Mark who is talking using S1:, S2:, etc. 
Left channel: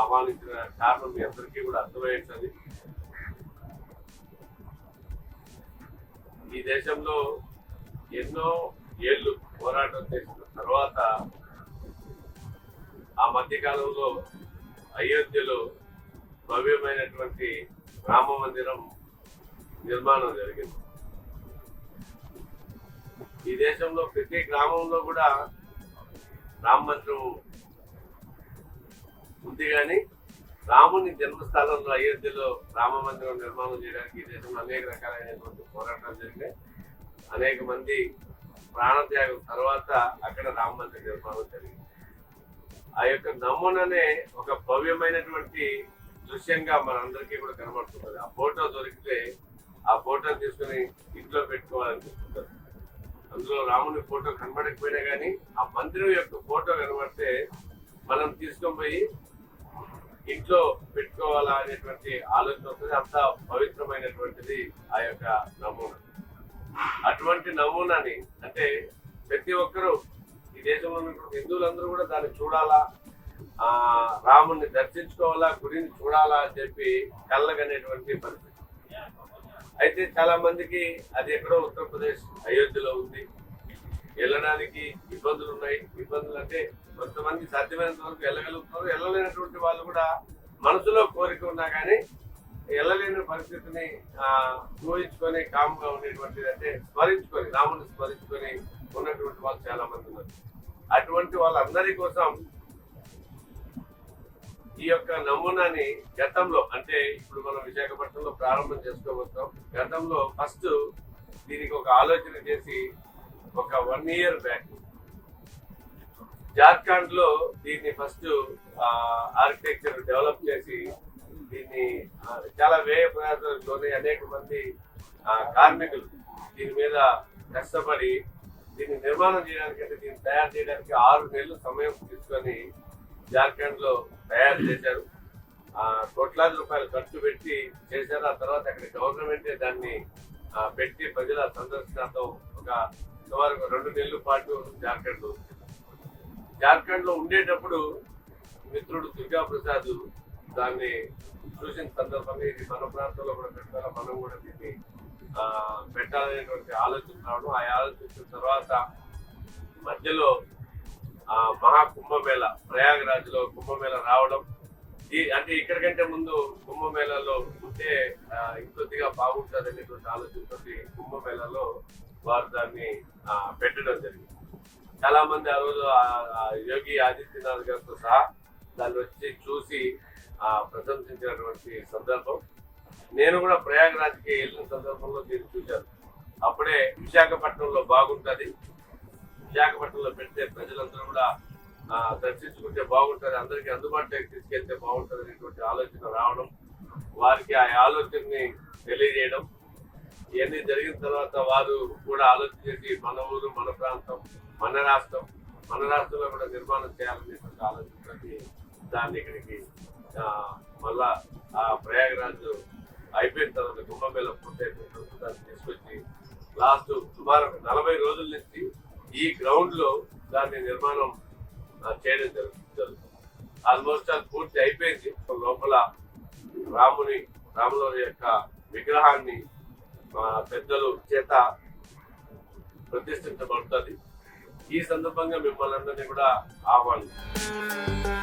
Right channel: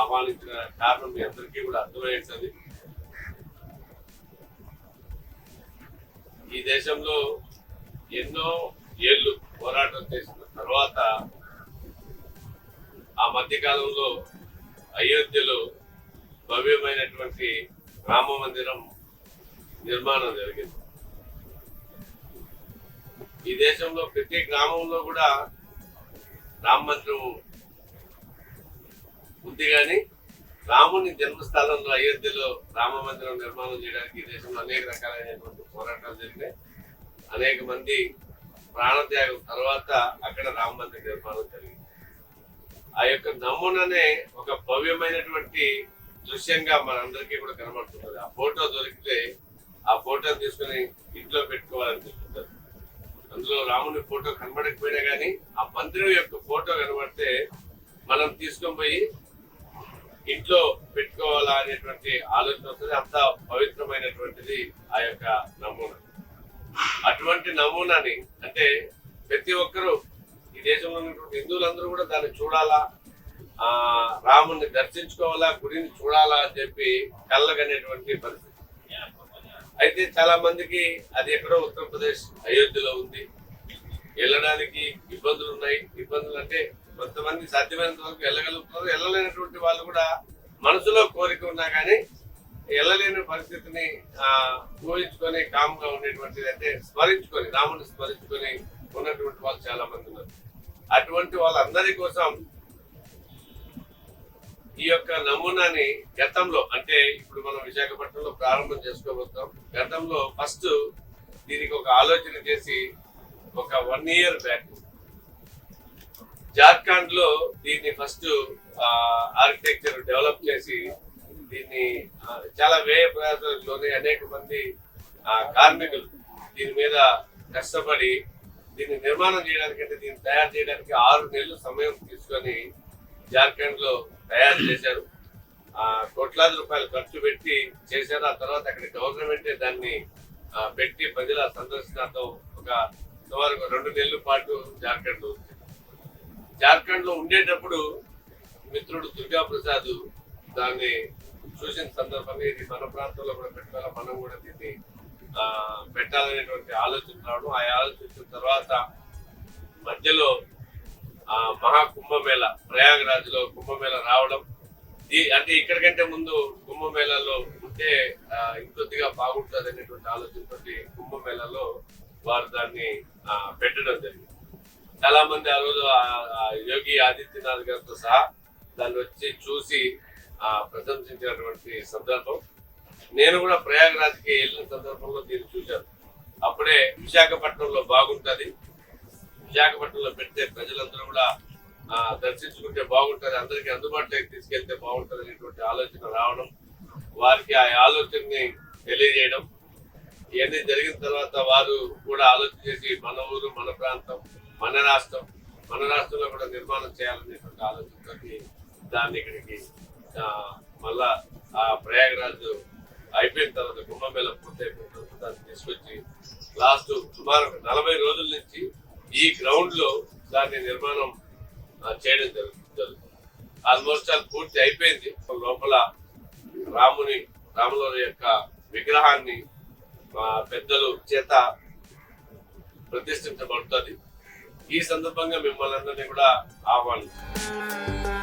S1: ఆహ్వానించిన కారణం మీ అందరికీ కూడా అర్థమయ్యేటది. ఈ దేశంలో ఎన్నో ఏళ్ళు పోరాటం చేసిన తర్వాత ఆ మధ్యకాలంలో అయోధ్యలో భవ్యమైనటువంటి రామ మందిరం నిర్మాణం జరిగింది. ఈ దేశంలో ప్రతి గ్రామంలో కూడా రామ మందిరం ఉంది కానీ రాముని జన్మస్థానంలో అయోధ్యలో రామ మందిరం నిర్మాణం చేయడానికి దేశంలో అనేక రకాలైనటువంటి పోరాటాలు జరిగినాయి. అనేక మంది ప్రాణత్యాగం తర్వాత అక్కడ రామ మందిర నిర్మాణం జరిగింది. ఆ యొక్క నమూననే ఒక భవ్యమైనటువంటి దృశ్యంగా మనందరికీ కూడా కనబడుతున్నది. ఆ ఫోటో దొరికితే ఆ ఫోటో తీసుకుని ఇంట్లో పెట్టుకోవాలనిపిస్తుంది. అందులో రాముని ఫోటో కనబడకపోయినా కానీ ఆ మందిరం యొక్క ఫోటో కనబడితే మనం తీసుకొని పోయి ఇంట్లో పెట్టుకోవాలా అనేటువంటి ఆలోచన వస్తుంది. అంత పవిత్రమైనటువంటిది ఆ యొక్క నమూనా. అటువంటి నమూనాని అంటే ప్రతి ఒక్కరూ ఈ దేశంలో ఉన్నటువంటి హిందువులందరూ కూడా దాన్ని చూడాలా? ఆ రాముని దర్శించుకోవాలా? గుడిని చూడాలా అని చెప్పి కళ్ళగనేటువంటి పరిస్థితి. అయితే చాలా మందికి అది ఎక్కడో ఉత్తరప్రదేశ్ అయోధ్యలో ఉంది. వెళ్ళడానికి ఇబ్బందులు ఉన్నాయి. ఇబ్బందులు అంటే కొంతమంది సాధ్యమైనంత వరకు వెళ్ళగలుగుతున్నారు వెళ్ళలేనటువంటి వాళ్ళు కూడా మనసులో కోరిక ఉన్నా కానీ వెళ్ళలేని పరిస్థితిని ఊహించుకొని కామ్గా ఉండేటువంటిది అంటే స్మరించుకొని రాముని స్మరించుకొని ఉన్నటువంటి వాళ్ళు చాలా మంది ఉన్నారు. అటువంటి వాళ్ళందరి కోసం ఈ యొక్క నమూనాని గతంలో అంటే ఇప్పుడు మనం విశాఖపట్నంలో ప్రారంభం చేసుకోబోతాం గతంలో ఫస్ట్ దీనికి ఒక ఆలోచన చేసి ఒక వన్ ఇయర్ బ్యాక్ జార్ఖండ్లో దీన్ని ఫస్ట్ ఆర్కిటెక్చర్ డెవలప్ చేసి దీన్ని చాలా వ్యయ ప్రయాసాలలోనే అనేక మంది కార్మికులు దీని మీద కష్టపడి దీన్ని నిర్మాణం చేయడానికి అంటే దీన్ని తయారు చేయడానికి ఆరు నెలలు సమయం తీసుకొని జార్ఖండ్లో తయారు చేశారు. కోట్లాది రూపాయలు ఖర్చు పెట్టి చేశారు. ఆ తర్వాత అక్కడ గవర్నమెంటే దాన్ని పెట్టి ప్రజల సందర్శనతో ఒక సుమారు రెండు నెలల పాటు జార్ఖండ్ జార్ఖండ్లో జార్ఖండ్లో ఉండేటప్పుడు మిత్రుడు దుర్గా ప్రసాద్ దాన్ని చూసిన సందర్భంగా ఇది మన ప్రాంతంలో కూడా పెట్టాలి మనం కూడా దీన్ని పెట్టాలనేటువంటి ఆలోచన రావడం. ఆ ఆలోచించిన తర్వాత మధ్యలో ఆ మహా కుంభమేళ ప్రయాగరాజ్లో కుంభమేళ రావడం. ఈ- అంటే ఇక్కడికంటే ముందు కుంభమేళలో ఉంటే ఇంకొద్దిగా బాగుంటుంది అనేటువంటి ఆలోచనతో కుంభమేళలో వారు దాన్ని పెట్టడం జరిగింది. చాలా మంది ఆ రోజు ఆ- యోగి ఆదిత్యనాథ్ గారితో సహా దాన్ని వచ్చి చూసి ప్రశంసించినటువంటి సందర్భం. నేను కూడా ప్రయాగరాజ్కి వెళ్ళిన సందర్భంలో దీన్ని చూశాను. అప్పుడే విశాఖపట్నంలో బాగుంటుంది. విశాఖపట్నంలో పెడితే ప్రజలందరూ కూడా దర్శించుకుంటే బాగుంటుంది. అందరికీ అందుబాటులోకి తీసుకెళ్తే బాగుంటుంది అనేటువంటి ఆలోచన రావడం వారికి ఆ ఆలోచనని తెలియజేయడం. ఇవన్నీ జరిగిన తర్వాత వారు కూడా ఆలోచన చేసి మన ఊరు మన ప్రాంతం మన రాష్ట్రం మన రాష్ట్రంలో కూడా నిర్మాణం చేయాలనేటువంటి ఆలోచనతోటి దాన్ని ఇక్కడికి మళ్ళా ఆ ప్రయాగరాజ్ అయిపోయిన తర్వాత కుంభమేళ పూర్తయిపోయిన తర్వాత దాన్ని తీసుకొచ్చి లాస్ట్ సుమారు నలభై రోజుల నుంచి ఈ గ్రౌండ్లో దాన్ని నిర్మాణం చేయడం జరుగుతుంది. ఆల్మోస్ట్ అది పూర్తి అయిపోయింది. లోపల రాముని రాములవారి యొక్క విగ్రహాన్ని పెద్దలు చేత ప్రతిష్ఠించబడుతుంది. ఈ సందర్భంగా మిమ్మల్ని అందరినీ కూడా ఆహ్వానిస్తాం